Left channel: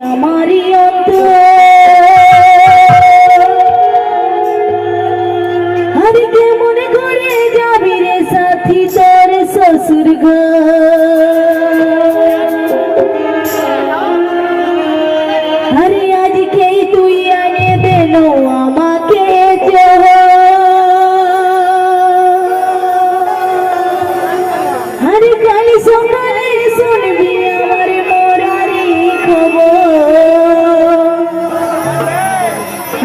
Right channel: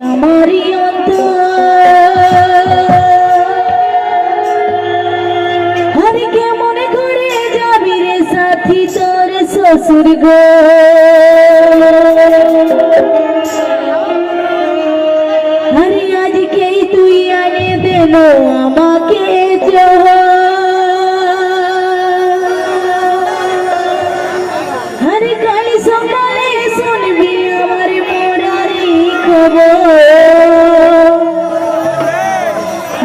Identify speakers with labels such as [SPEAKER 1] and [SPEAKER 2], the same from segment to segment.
[SPEAKER 1] আমারই হরে কেমন করে যাবি রে সাথী তোর শ্বশুর গো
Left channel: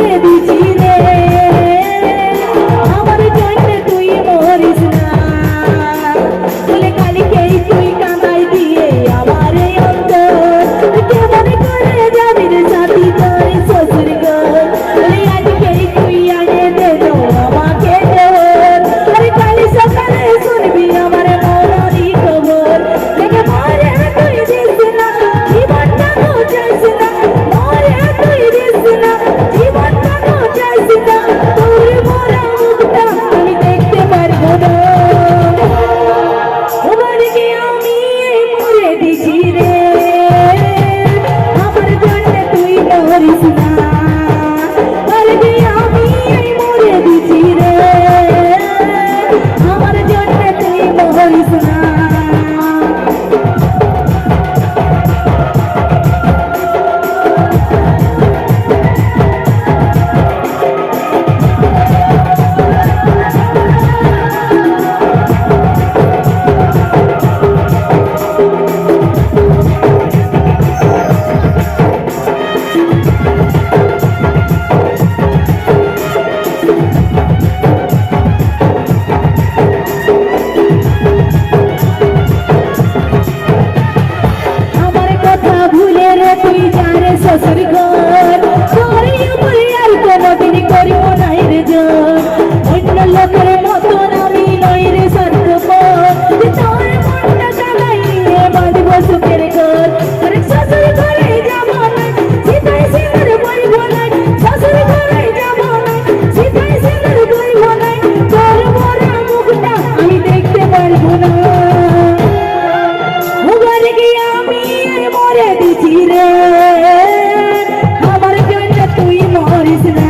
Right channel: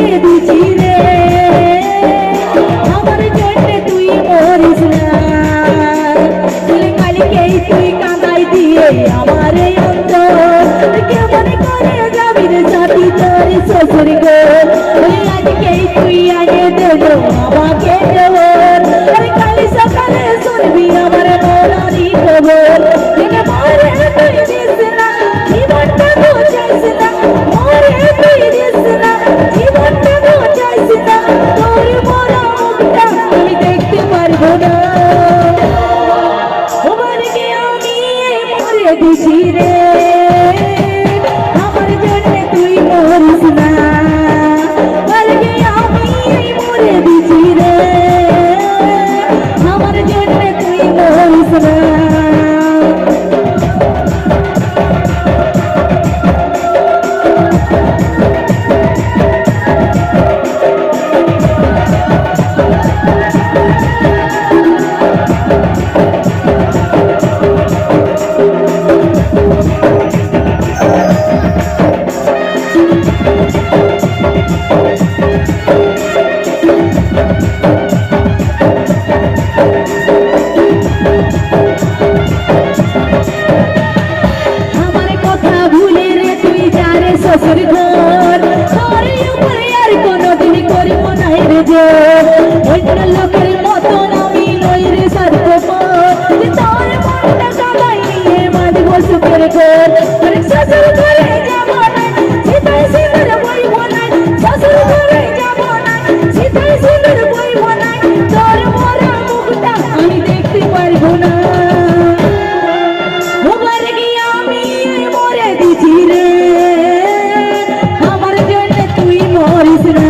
[SPEAKER 1] দিয়ে দিয়েছি Gracias. Maurício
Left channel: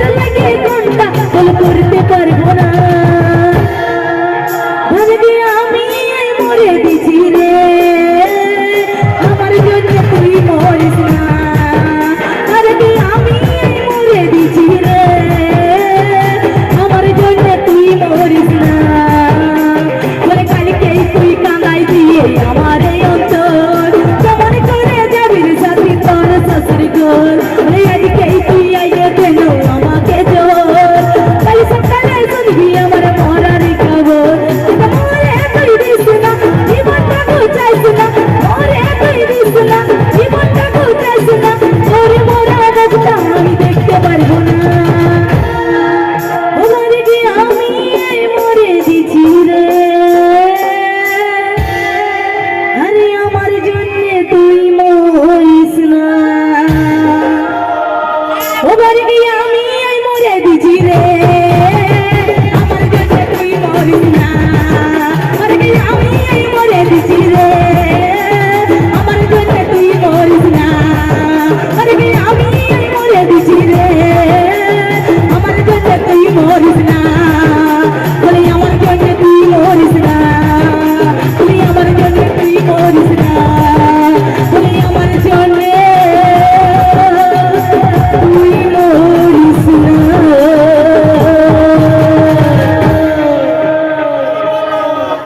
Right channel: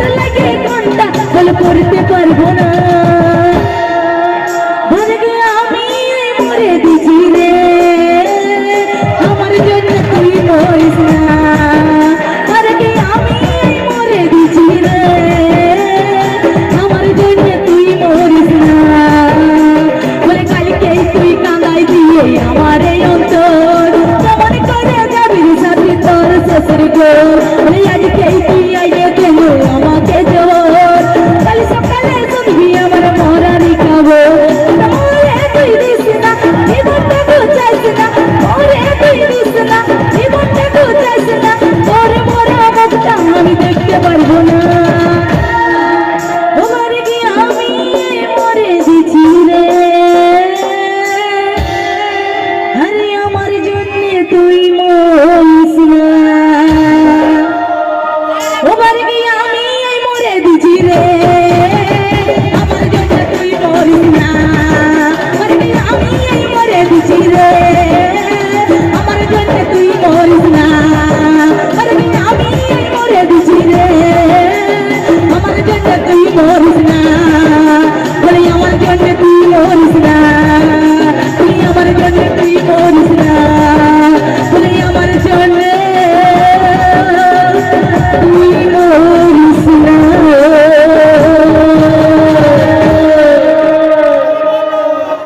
[SPEAKER 1] তুই মোর আমি মরে দিছি রে।